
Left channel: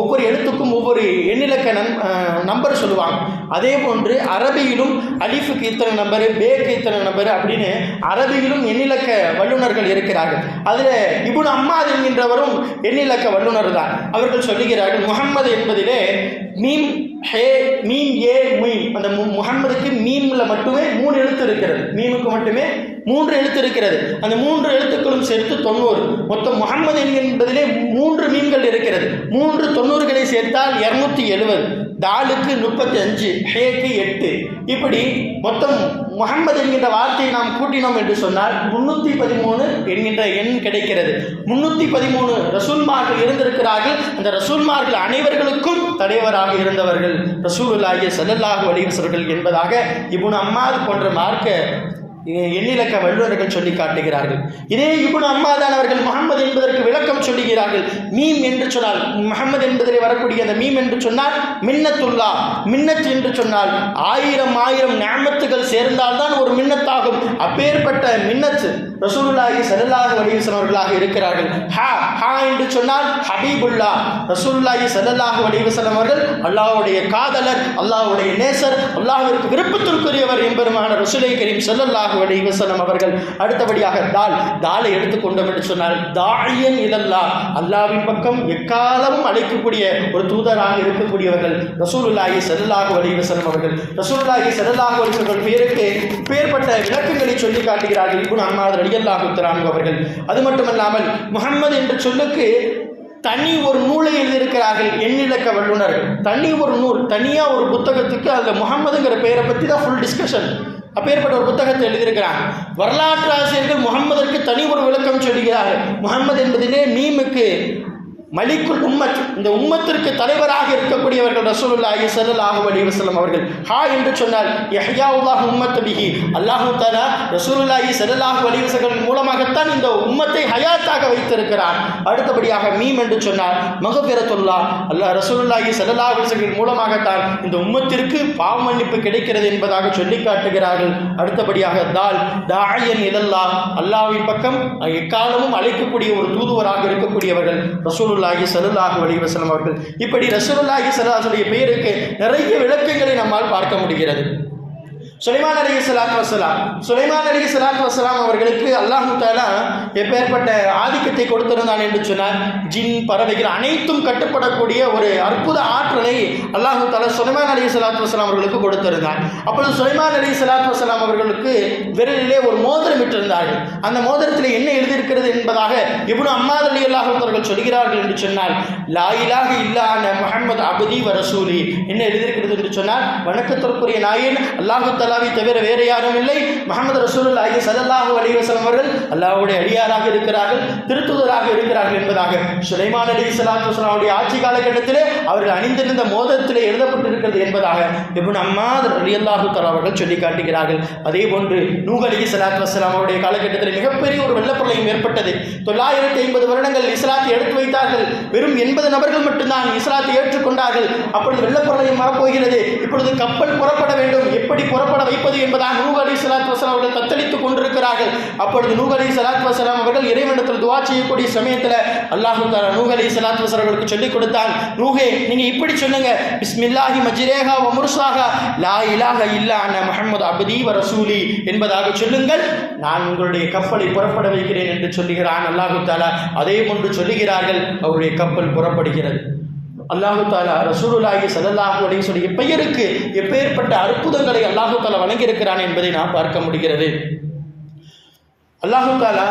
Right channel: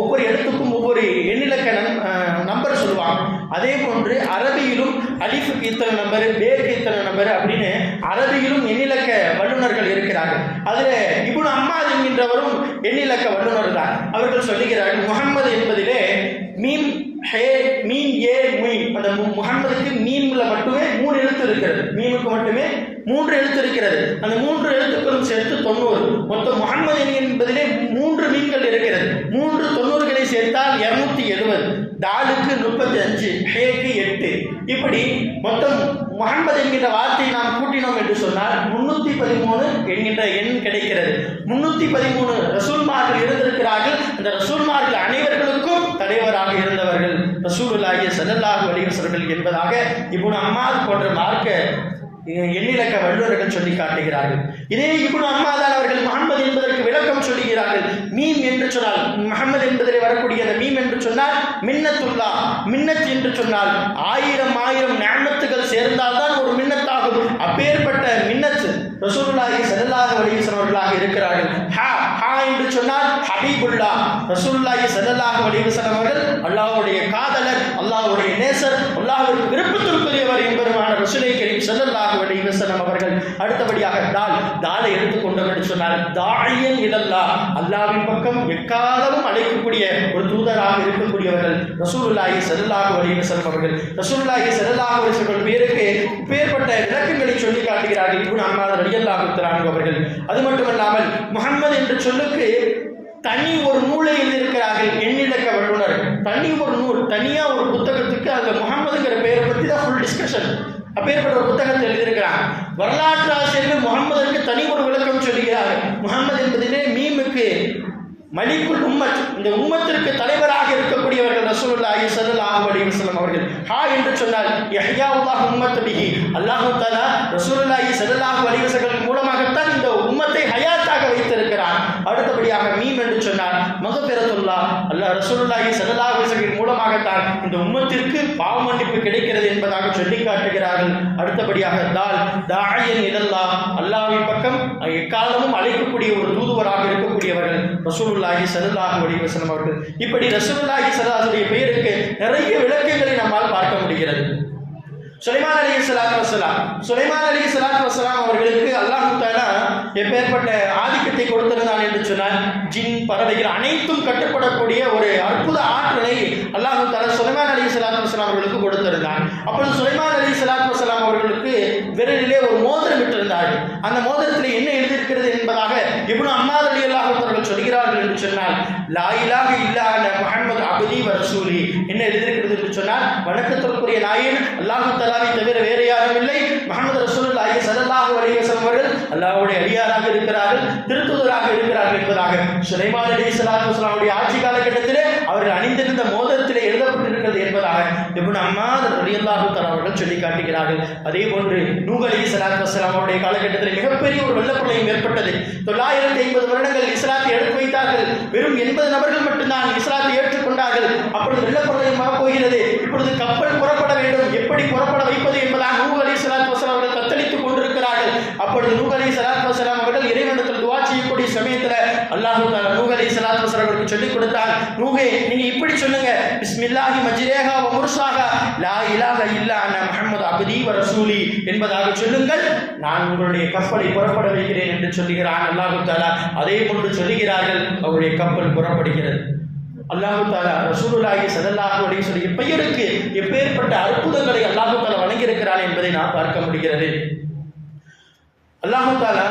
ஒவ்வொரு எழுத்துக்கும் ஒவ்வொரு எண்ணிலக்க நம் நம்பர் சொல்லுவாங்க. அதே போன்று அரபியிலும் அலிஃபுக்கு இத்தனை நம்பர் பேக்கு இத்தனை நம்பர் அப்படின்னு அரபியிலும் எண்ணிலக்க வல்லுநர்கள் இருக்கிறார்கள். அதில் இபுன் அம்மாத் என்கின்றவரும் எண்ணிலக்க வல்லுநர் தான். அவர்கள் சொல்லுகிறார்கள் முகம்மது என்பதிலே மீம் ஹே மீன் ஏ மீன் அந்த மு- முகம்மதுக்கு மீன்ல மட்டுமே மூணு எழுத்து இருக்கிறது. மீனுக்கு மட்டுமே மூன்று எழுத்து இருக்கிறது. அந்த மூன்று எழுத்துக்களும் சேர்த்து தொண்ணூறு. மொத்தம் முகம்மது என்பதிலே மூன்று மீன்கள் இருக்கிறது. மூன்று சேர்த்தால் இரநூத்தி எழுபது தாலுக்கு முப்பத்தி அஞ்சு ஹேக்கு எட்டு. இப்படி மொத்தம் முகம்மது என்கின்ற வார்த்தையை நாம் கூட்டினோம் என்று சொன்னால் முன்னூற்றி பதிமூணு என்கின்ற எண் கிடைக்கிறது. முன்னூற்றி பதிமூணு ரசூல்மார்கள் இருந்திருக்கிறார்கள். அந்த ரசூல்மார்கள் அனைவர்களுக்கும் தலைவராக இருந்தவர்கள். ரசூலுல்லாஹி ஸல்லல்லாஹு அலைஹி என்பதாக இபுன் அம்மார் போன்ற மார்க்க எண்ணிலக்க வல்லுநர்கள் சொல்லி காட்டுகிறார்கள். இதே இப்னு அம்மாதான் அவர்கள் முகமது என்பதற்கு விளக்கம் சொல்லுகிறார்கள். மீம் என்று சொன்னால் முகமது என்பதில் வரக்கூடிய அந்த மீம் என்று சொன்னால் மின்னத்துல்லா மின்னத் என்று சொன்னால் ஆயிரம் ஆயிரம் ஞாமத்துகள் சேர்ந்தால்தான் ஒரு மின்னத்தாகும். அப்பேற்பட்ட மின்னத் ரசூலுல்லாஹி ஸல்லல்லாஹு அலைஹி வஸல்லம் அவர்களாக இருக்கிறார்கள். ஹா ஹா என்று சொன்னால் ஹபீபுல்லா. ரசூலுல்லாஹி ஸல்லல்லாஹு அலைஹி வஸல்லம் அவர்கள் அல்லாஹ்வுடைய காதலர் அல்லாஹ்வுடைய நேசர் அல்லாஹ்விற்கு விருப்பத்திற்குரியவர் எம்பெருமான ரசூலை கரீம் ஸல்லல்லாஹு அலைஹி வஸல்லம் அவர்கள். அடுத்தபடியாக தால் தாலை எடுத்துக்கொண்டோம் என்று சொன்னால் தாயன் இதல்லா அல்லாவின் பக்கம் எக்காலமும் அழைக்கக்கூடிய ஒரு தூதராக இருக்கக்கூடியவர்கள் ரசூலுல்லாஹி ஸல்லல்லாஹு அலைஹி வஸல்லம் அவர்கள். ரசூலுல்லாஹி ஸல்லல்லாஹு அலைஹி வஸல்லம் பேருக்கு பேர்பட்ட விளக்கங்களை சொல்லி காட்டுகிறார்கள் இப்னு அம்மாத் ரலியல்லாஹு தஆலா அவர்கள். அது மட்டுமல்லாமல் முஹம்மது என்ற சொல்லுக்கு தனி ஒரு நூலை எழுதியிருக்கிறார்கள் எண்ணிலக்க வல்லுநர் தனி ஒரு நூல் தனியாக ஒரு புத்தகத்துக்கு அதில் முகமதுங்கிற பெயரை பற்றி தான் ஃபுல் டிஸ்கஷன் அப்பேற்பட்ட ஒரு புத்தகத்தை எழுதியிருக்கிறாங்க வரலாற்று ஆசிரியர்கள் முகம்மதற்கு தனி ஒரு விளக்கம் சொல்கிறார்கள். முகம்மது என்பதிலே மீமுக்கு மலிக்குள் உம்மத். இந்த உம்மத்திற்கு தலைவராக இருக்கக்கூடியவர்கள் ரசூலுல்லாஹி ஸல்லல்லாஹு அலி வசலம் அவர்கள். ஹா என்று சொன்னால் யஹ்யாவுல்லாஹ் உம்மத் பிஹி. அல்லாஹு தஆலா ரசூலுல்லாஹி ஸல்லல்லாஹு அலி வஸல்லம் மூலமாகத்தான் இந்த உம்மத்தை ஹயாத்தாக வைத்திருக்கிறார் அடுத்தபடியாக மீம் என்று சொன்னால் மகபிரத்துல்லா அல்லாஹ் ரசூலுல்லாஹி ஸல்லல்லாஹு அலைஹி வஸல்லம் மூலமாகத்தான் இந்த உம்மத்திற்கு பாவ மன்னிப்பு கிடைக்கிறது என்பதாக சொல்லி காட்டுகிறார்கள். அடுத்தபடியாக தால் தாயன் இதல்லா அல்லாஹ்வின் பக்கம் எக்காலமும் அழைக்கக்கூடிய ஒரு தூதுவராக இருக்கக்கூடியவர்கள் ரசூலுல்லா ஸல்லல்லாஹு அலைஹி வஸல்லம் அவர்கள். இப்படி ரசூலுல்லாஹி ஸல்லல்லாஹுடைய பெயருக்கு நிறைய விளக்கங்களை நம்மால் பார்க்க முடிகிறது. சுலைமான் அலி சலாத் வசலாம் சுலைமான் அலி சலாத் வசலாம் அவர்களுக்கு அல்லாஹு தாலா எப்பேற்பட்ட ஆதிக்கத்தை கொடுத்திருந்தான் என்று சொன்னால் ஜின் பறவைகள் அனைத்தும் கட்டுப்படக்கூடிய ஒரு அற்புத ஆற்றலை அல்லாஹு தாலா சுலைமான் அலி சலாத் வசலாம் அவர்களுக்கு கொடுத்திருந்தான். அப்பொழுது சுலைமான் அலி சலாத் வசலாம் அவர்களுக்கு விரலிலே ஒரு மோதிரம் விட்டிருந்தார்கள் அந்த மோதிரத்தில் என்ன எழுதியிருக்கிறது என்பதாக இப்னு அம்மாத் அலி அல்லாஹர்கள் சொல்கிறார்கள் என்று சொன்னால் லாயிலாக இல்லாத இல்லான அபதி வரசூலி என்ன எழுதியிருக்கிறது என்று சொன்னால் வணக்கத்திற்குரிய நாயன் அல்லாஹு தலாவை தவிர வேறு யாரும் இல்லை. முகமது ரசூலுல்லாஹி ஸல்லல்லாஹு சதல்லாஹு அலிவசம் அவர்கள் அல்லாஹுடைய அடியாராக இருக்கிறார்கள் திருத்துதராக இருக்கிறார்கள் என்பதாக. சுலைமான் அலி சலாத்து வஸலாமுடைய ஆட்சி காலகட்டத்திலே அவர்கள் அணிந்திருந்த மோதத்திலே எழுதப்பட்டிருக்கிறது என்பதாக இப்னு அம்மாத் ரலியல்லாஹு அல்லாஹு அவர்கள் சொல்லி காட்டுகிறார்கள். அதே போன்று நூகலி அலி ஸலாத்து அவருடைய காலகட்டத்தில் மிகப்பெரிய ஒரு வெள்ளப்பிரளயம் ஏற்பட்டது. தொள்ளாயிரத்தி ஐம்பது வருடங்கள் இஸ்லாத்தை எடுத்து வைத்தார்கள். வெறும் எண்பது நபர்கள் மட்டும்தான் இஸ்லாத்தை ஏற்றுக்கொண்டார்கள். அப்பொழுது வெள்ளப்பிரளயமாக போகிறது இப்பொழுது கப்பல் புறப்பட வேண்டும். எப்படி புறப்பட வைப்பது என்பதாக நூஹ் அலி ஸலாத்து அவர்கள் தத்தளித்துக் கொண்டிருக்கிறார்கள் அப்பொழுது நூஹ் அலி சலாத் வசலாம் அவர்கள் இறைவனத்தில் துவா செய்யக்கூடிய சமயத்தில் அல்லாஹு தாலா நூஹ் அலி சலாத் வசலாம் அவர்களுக்கு சொல்லிக் கொடுத்தான். நூகே நீங்க இப்படி சொல்லுங்க. பிஸ்மில்லாஹி மஜிரேகா வ லா இலாக இல்லா அன்ன முகமது அபதி வ ரசூலி என்பதாக சொல்லுங்கள். நான் உங்களுடைய கப்பலை புறப்பட வைக்கிறேன் என்று சொல்லுகிறான் அல்லாஹு தாலா அதே போன்று சொல்லுகிறார்கள். அவருடைய கப்பல் புறப்படுகிறது. அல்லாஹு தாலா ரசூலுல்லாஹி சதல்லாஹு அலி சொல்லி எப்பயருக்கு எப்பேற்பட்ட அற்புதங்களை அல்லாஹு தாலா வழங்கியிருக்கிறான் என்பதை நாம் பார்க்க முடிகிறது. அல்லாஹு தாலா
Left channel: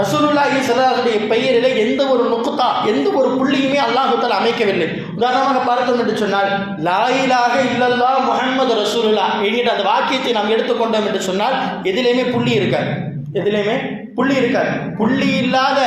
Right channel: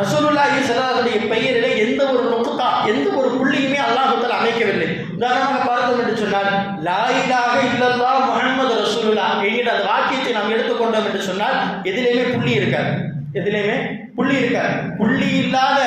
ரசூலுல்லாஹி ஸல்லல்லாஹுடைய பெயரிலே எந்த ஒரு நுக்குத்தா எந்த ஒரு புள்ளியுமே அல்லாஹு தாலா அமைக்கவில்லை. உதாரணமாக பார்த்தோம் என்று சொன்னால் லா இல்லல்லா முகமது ரசூலுல்லா என்கிற அந்த வாக்கியத்தை நாம் எடுத்துக்கொண்டோம் என்று சொன்னால் எதிலேயுமே புள்ளி இருக்காது. எதிலேயுமே புள்ளி இருக்காது புள்ளி இல்லாத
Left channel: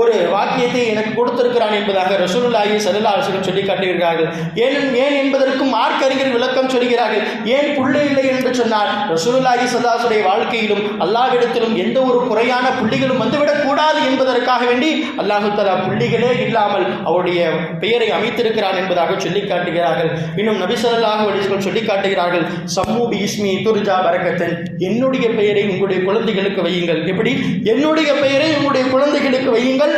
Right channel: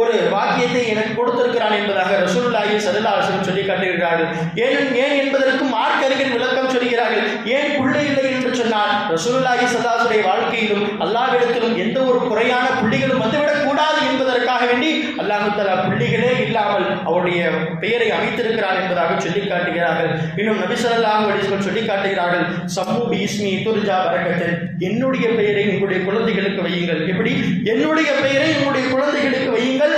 ஒரு வாக்கியத்தை எனக்கு கொடுத்திருக்கிறான் என்பதாக ரசூலுல்லாஹி ஸல்லல்லாஹு அலைஹி சொல்லி காட்டுகிறார்கள் ஏன் ஏன் என்பதற்கு மார்க் அறிஞர் விளக்கம் சொல்கிறார்கள். ஏன் புள்ளி இல்லை என்று சொன்னால் ரசூலுல்லாஹி ஸல்லல்லாஹுடைய வாழ்க்கையிலும் அல்லாஹ்விடத்திலும் எந்த ஒரு குறையான புள்ளிகளும் வந்துவிடக் கூடாது என்பதற்காக வேண்டி அல்லாஹு தலா புள்ளிகளே இல்லாமல் அவருடைய பெயரை அமைத்திருக்கிறான் என்பதாக சொல்லி காட்டுகிறார்கள். இன்னும் நபி ஸல்லல்லாஹு அலைஹி சொல்லி காட்டுகிறார்கள் சம்மு இஸ்மி துர்ஜா வரகத்தன் என்னுடைய பெயரை உங்களுடைய குழந்தைகளுக்கு வையுங்கள். எப்படி? என்னுடைய பெயரை உங்களுடைய குழந்தைகளுக்கு வையுங்கள்.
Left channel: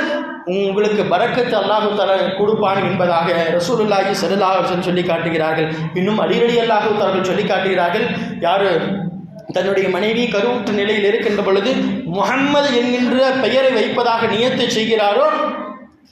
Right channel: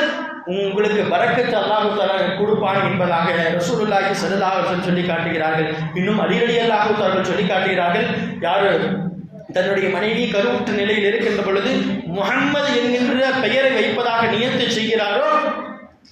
உங்களுக்கு பரக்கத்து அல்லாஹு தர கொடுப்பான் என்பதாக ரசூலுல்லாஹி ஸல்லல்லாஹு அவர்கள் சொல்லி காட்டுகிறார்கள். இன்னும் அடிரடி அல்லாஹு தஆலா சொல்லி காட்டுகிறார்கள். யாரு? தன்னுடைய மனைவி கருவுற்று நிலையில் இருக்கின்ற பொழுது முகம்மது என்கின்ற பெயரை வைப்பதாக நியத்தை செய்கிறாரோ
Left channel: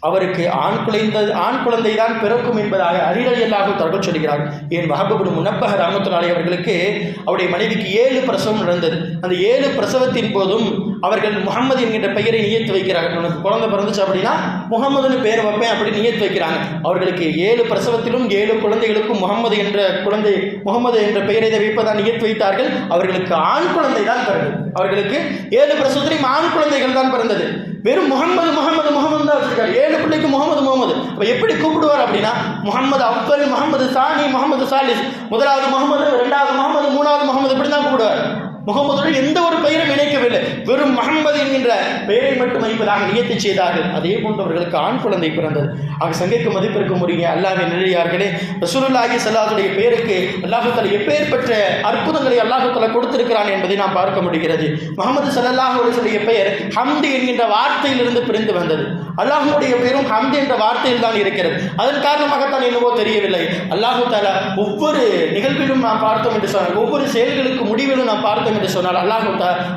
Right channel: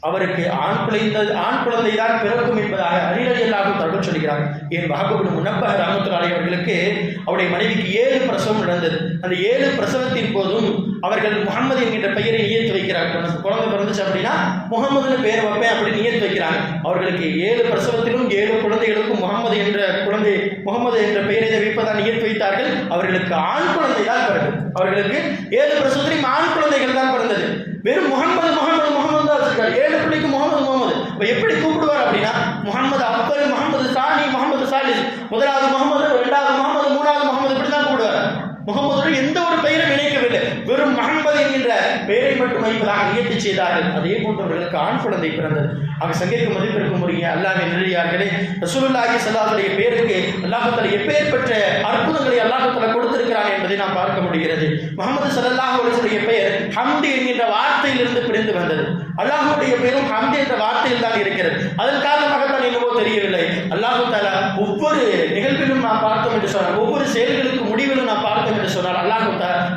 அவருக்கு ஆண் குழந்தை ஆண் குழந்தை தான் பிறக்கும் என்பதாக அறியலையல்லாக தகவல் சொல்கிறார். என் வகபுடு முனப்பக ரமத்துலாலை அவர்களுக்கு அவருடைய மனைவிக்கு ஏழு பிரசவம் நடந்தது. அந்த ஏழு பிரசவத்தின் போதும் அவர்கள் முகமது என்கின்ற பெயரை நியத்து வைக்கிறார்கள். உனக்கு குழந்தை பிறந்துச்சு அப்படின்னா முகமதுன்னு பெயர் வைப்பேன் அப்படின்னு நியத்து வைக்கிறாங்க. அவர்களுக்கு ஏழு பிரசவத்திலும் ஏழு குழந்தைகளுக்கும் முகமது என்ற குழந்தை முகமது என்ற பெயரை வைப்பதான் நியத்து வைத்தார்கள். அவர்களுக்கு ஆண் குழந்தை தான் பிறகு அவர்களுக்கு ஏழு பிரசவத்திலும் ஆண் குழந்தைகள் தான் பிறந்தது. வெறும் முகமது முகமது முகமது தான் வச்சிருக்காரு. ஏழு பிள்ளைக்கு முகமது முகமது அப்ப எப்படி கூப்பிடுவார் அப்படின்னா முகமது அப்பர் முகமது சானி முகமது சாலிஸ் முதலாவது முகமது இரண்டாவது முகமது மூணாவது முகமது இப்படி தான் கூப்பிடுவார். முகமதுடன் எந்த ஒரு பெயரும் இணைக்கவில்லை. வெறும் முகமது என்கின்ற பெயரை மட்டும் வைப்பதாக நியத்தி செய்தார்கள். அதே போன்றவர்களுக்கு ஆண் குழந்தை பிறந்தது. ஆக சங்கைக்கு மதிப்பிற்கும் உரிய அல்லாஹ் நிலையார்களே ரசூலுல்லாஹி சல்லாஹுடைய பெயருக்கு அல்லாஹு எப்பேற்பட்ட அற்புதங்களை அல்லாஹு கொடுத்திருக்கிறான் என்பதை நாம் பார்க்க முடிகிறது. முகமது சல்லாஹ் அலைஹி பெயர் ஹம்து என்கின்ற வார்த்தையிலிருந்து பிரிந்து வந்தது. அல்லாஹுடைய பெயரும் ஹம்து என்ற வார்த்தையில் தான் இருக்கிறது. அதன் காரணமாகத்தான் என்னவோ தெரியவில்லை. அல்லாஹு தாலா ஒவ்வொரு நிகழ்விலும் நாம் பார்த்தோம் என்று சொன்னார் ஒவ்வொரு செயல்களுக்கு முடிவிலும் நாம் பார்த்தோம் என்று சொன்னால் அல்லாஹு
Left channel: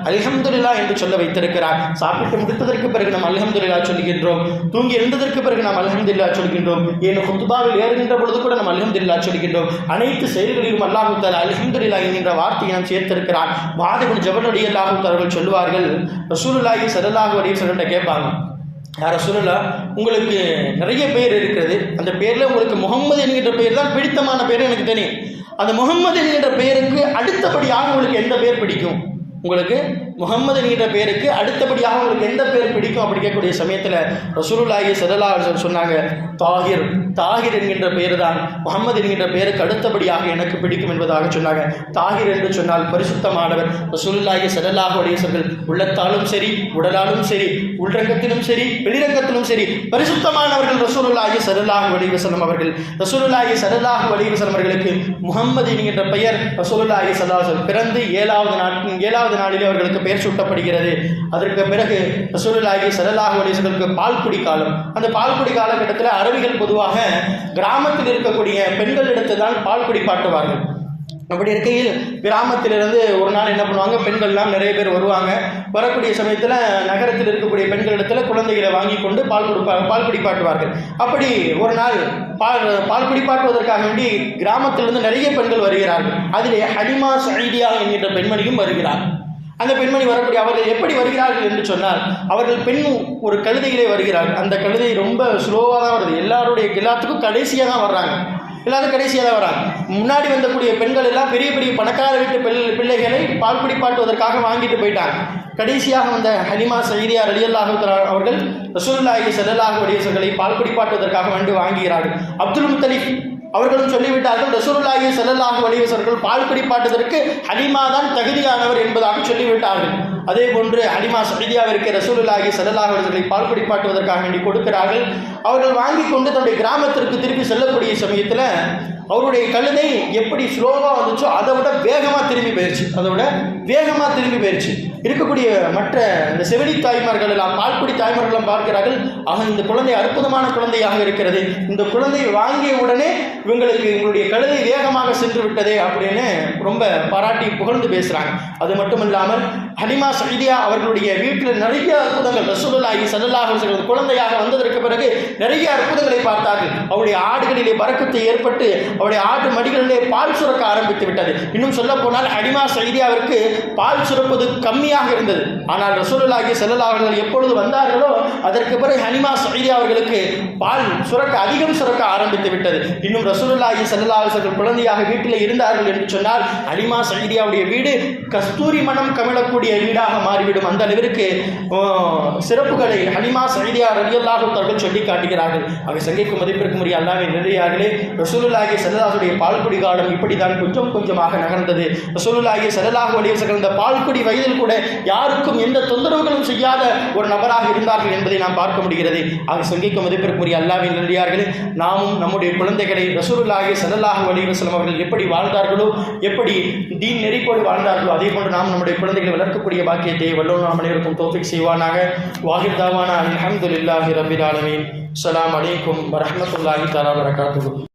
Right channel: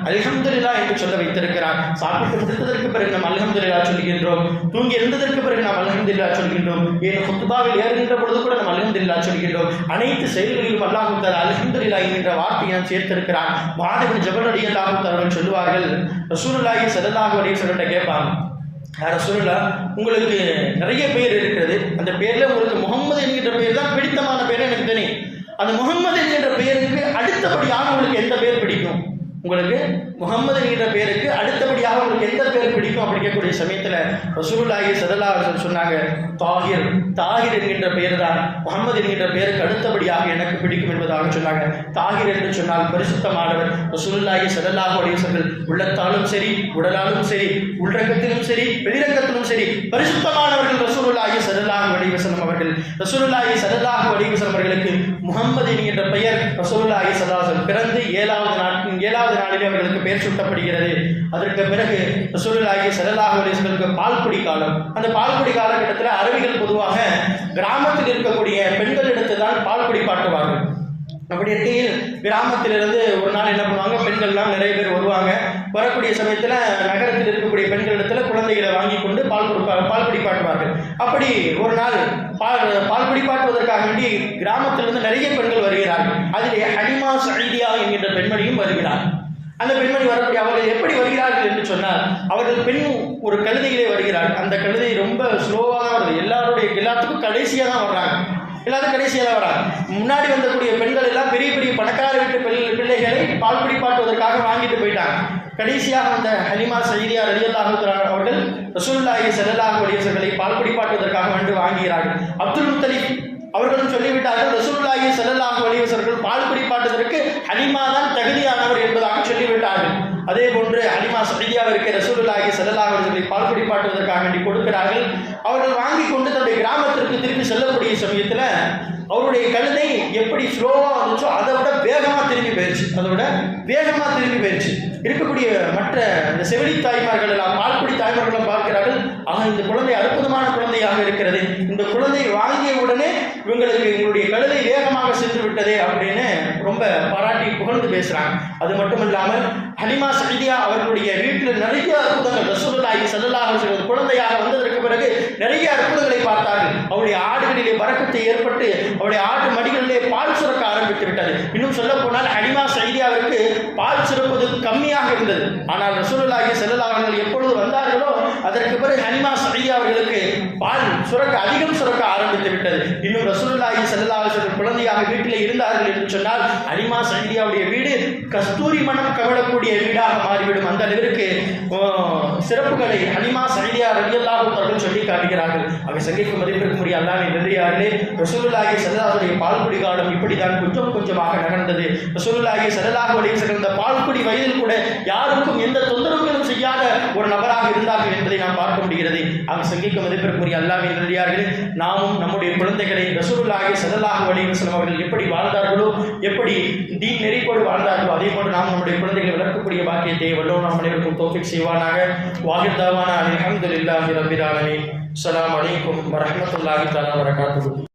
அல்ஹம்துல்லா என்று சொல்ல வைத்திருக்கிறார். சாப்பிட்டு முடித்ததற்கு பிறகு நாம் அலஹம்துல்லா சொல்கின்றோம். தூங்கி எழுந்ததற்கு பிறகு நாம் அல்ஹம்துலில்லாஹ் சொல்கின்றோம். ஏன் குத்துபாவில் ஏறுகின்ற பொழுது கூட நாம் அல்ஹம்துலில்லாஹ் சொல்கின்றோம். அனைத்து செயல்களிலும் அல்லாஹு தாலா அல்ஹம்துலில்லாஹ் என்கின்ற வார்த்தையை நாம் சேர்த்திருக்கிறார் மாதவன் ஜபலுடைய அல்லாஹு அவர்கள் சொல்லுவார்கள் ரசூலுல்லாஹி சதல்லாஹு அலைஹி வஸல்லம் கேட்பாங்க யார சொல்லல உங்களுக்கு நிறைய பேர் இருக்கிறது. அந்த பேரில் உங்களுக்கு முகமது என்கின்ற பேர் தான் பிடித்தமான பேர் எனக்கு தெரியும். அந்த முகம்மது என்கின்ற பெயருக்கு அடுத்தபடியாக உங்களுக்கு எந்த பேர் பிடிக்கும்? உங்களுக்கு முகமது என்கிற பேருக்கு அடுத்தபடியாக உங்களுக்கு எந்த பேர் பிடிக்கும் அப்படி கேட்கக்கூடிய சமயத்தில் ரசூலுல்லாஹி சதல்லா சொன்னாங்க தாகிர் தாகிர் என்கின்ற பெயர் தான் முகமது என்கின்ற பேருக்கு அடுத்தபடியாக எனக்கு பிடிக்கும் என்பதாக சொன்னாங்க. தாகிர் என்று சொன்னால் பரிசுத்தமானவர் ரசூலுல்லாஹி சதல்லாஹ் அலைஹி உள்ளத்தாலும் சரி உடலாலும் சரி உள்ரங்கத்திலும் சரி வெளிரங்கத்திலும் சரி பரிசுத்தமானவர்கள் ரசூலுல்லாஹி சதல்லாஹ் அலைஹி அவர்கள். ரசூலுல்லாஹி சதல்லாஹ் அலைஹி அவர்களுக்கு முகம்மது என்கின்ற பெயர் ரசூலுல்லாஹி சதாசன் பிறந்து ஏழாவது நாட்டின் ஏழாவது நாளிலே அவர்களுக்கு பெயர் சூட்டப்படுகிறது. அதற்கு பிறகு சூழலாகி ஸல்லல்லாஹு அலைஹி பால்குடி காலம். அந்த பால்குடி காலகட்டத்தில் அரபிகள் பொதுவாக கிராமத்தில் இருக்கக்கூடிய பெண்களிடத்து தான் பால் குடிப்பாட்டுவார்கள் அப்படி இருக்கையில் கிராமத்திலிருந்து ஒரு நாள் என்ன பண்ணுவாங்க? பெண்கள்லாம் நிறைய பேர் வருவாங்க. வரக்கூடிய சமயத்தில் நகரத்தில் இருக்கக்கூடிய பெண்களிடத்தில் குழந்தைகளை வாங்கி கொண்டு பால் கொடுப்பா பால் குடிப்பாட்டுவார்கள் அப்படி ஒரு நாள் பால் பால் குடிப்பாட்டுவதற்காக வேண்டி கிராமத்திலிருந்து நிறைய பெண்கள் வருகிறார்கள். அதிலே ஹனிமா சைதியா என்கின்ற பெண்மணியும் வருகிறார். அந்த பெண்மணி வரக்கூடிய அவர்கள் எப்படி வருகிறார்கள் என்று சொன்னால் அவர்கள் பெண் ஒரு கழுதையிலே வருகிறார்கள் அந்த கழுதை ரொம்ப ஸ்லோவாக தான் வருது. எல்லாருடைய எல்லாத்துக்கும் கடைசியாக தான் வர்றாங்க. எல்லாரும் கடைசியாக தான் வராங்க முன்னாடி வந்தக்கூடிய பெண்கள் எல்லாம் பெரிய பெரிய பணக்கார வீட்டு பிள்ளை பிள்ளைகளை பால் குடிப்பாட்டுவதற்காக வாங்கிட்டு போயிட்டாங்க. கடைசியாக வந்த ஹலிமா சைதியார் அலியல்லாஹு அவர்கள் ரசூல்லாஹி ஸல்லல்லாஹு அலைஹி பால் குடிப்பாட்டுவதற்காக வந்து வாங்குகிறார்கள். அப்துல் முத்தலிக் அவர்களும் சொல்லிவிட்டார்கள் ரசூலுல்லாஹி ஸல்லல்லாஹு அலைஹி வஸல்லம் பால் குடிப்பாட்டுவதற்கு ஹலிமா தான் தகுதியானவர் என்பதாக சொல்லிவிட்டார்கள். அதே போன்று ஹலிமா சைதியாவிற்கு ரசூலுல்லாஹி ஸல்லல்லாஹு அலைஹி வஸல்லம் பால் குடிப்பாட்டுவதற்காக வேண்டி கொடுக்கிறார்கள். அவர்கள் வாங்கி கொண்டு தன்னுடைய கிராமத்திற்கு திருப்பி செல்லக்கூடிய சமயத்தில் அவருடைய கழுதை எப்படி ஸ்லோவாக வந்துச்சோ அதை விட வேகமாக திரும்பி போயிடுச்சு அதை விட வேகமாக திரும்பி போயிடுச்சு இருக்கக்கூடிய மற்ற இந்த செவிலி தாய்மார்கள் எல்லாம் பால்குடி தாய்மார்களும் பார்க்கிறார்கள் ஆக இந்த குழந்தை அற்புதமான குழந்தையாக இருக்கிறது. இந்த குழந்தை வாங்கிய உடனே இவங்களுக்கு இவங்களுடைய கழுதை வேகமாக சென்று விட்டதே அப்படின்னு ரொம்ப பாராட்டி புகழ்ந்து பேசுறாங்க. அது மட்டும் இல்லாமல் ஹலிமா சைதியா அவர்களுடைய வீட்டில் நிறைய அற்புதங்கள் ரசூலுல்லாஹி ஸல்லல்லாஹு அலைஹி குழந்தையாக வந்ததற்கு பிறகு நிறைய அற்புதங்களை பார்த்தார்கள். அவருடைய ஆடுகளிலே வரக்கத்தை ஏற்பட்டு அவருடைய ஆட்டு மடிகளிலே பால் சுரக்க ஆரம்பித்து விட்டது. இன்னும் சொல்ல போனால் ஹலிமா சைதியாவிற்கு பால் சுரப்பது கம்மி கம்மியாக இருந்தது. ஆனால் ரசூலுல்லாஹி ஸல்லல்லாஹு அலைஹி எப்பொழுது வந்தார்களோ அதற்கு பிறகு ஹனிமா சைதியா அவர்களுக்கு பால் சுரக்க அதிகம் சுரக்க ஆரம்பித்து விட்டது. இன்னும் ரசூலுல்லாஹி ஸல்லல்லாஹு அலைஹி குழந்தையாக வீட்டில் இருந்தார்கள் என்று சொன்னால் ஹனிமா சைதியாவுடைய வீடு கஸ்தூரி மனம் கமிழக்கூடிய வீடாக மாறிவிடும். அந்த அளவிற்கு சிறப்புகளை ஹனிமா சைதியா ரலியல்லாஹு அவர்கள் சொல்லி காட்டுகிறார்கள். அவை சங்கைக்கு மதிப்பிற்கு உரிய அல்லாமே நெல்லியார்களே ரசூலுல்லாஹி ஸல்லல்லாஹுடைய பால்குடி காலம் இப்படிதான் கொஞ்சம் கொஞ்சமாக நகர்ந்தது. ரசூலுல்லாஹி ஸல்லல்லாஹு அலைஹி வஸல்லம் பால்குடி வயதில் கூட யாருக்கும் எந்த தொந்தரவுகளும் செய்யாத ஒரு நபராக இருந்தார்கள் என்பதை நாம் பார்க்க முடிகிறது. அவை சங்கைக்கு மதிப்பிற்குரிய அல்லாவின் நெல்லியார்களே நாமும் நம்முடைய குழந்தைகளை ரசூலுல்லாஹி ஸல்லல்லாஹு அலைஹி அவர்கள் எப்படி வாழ்ந்தார்களோ எப்படி தீன் நெறிப்போடு வாழ்ந்தார்களோ அதே போன்று நாம் நம்முடைய குழந்தைகளை வளர்க்கக்கூடிய பாக்கியத்தை வல்லோர் நாம் அனைவருக்கும் தோஃபிக் செய்வானாக. வாஹிர் தாவானா அல்ஹம்துலில்லாஹி ரப்பில் ஆலமீன். அஸ்ஸலாமு அலைக்கும் வரமத்துல்லாஹி தாலா வரகாத்து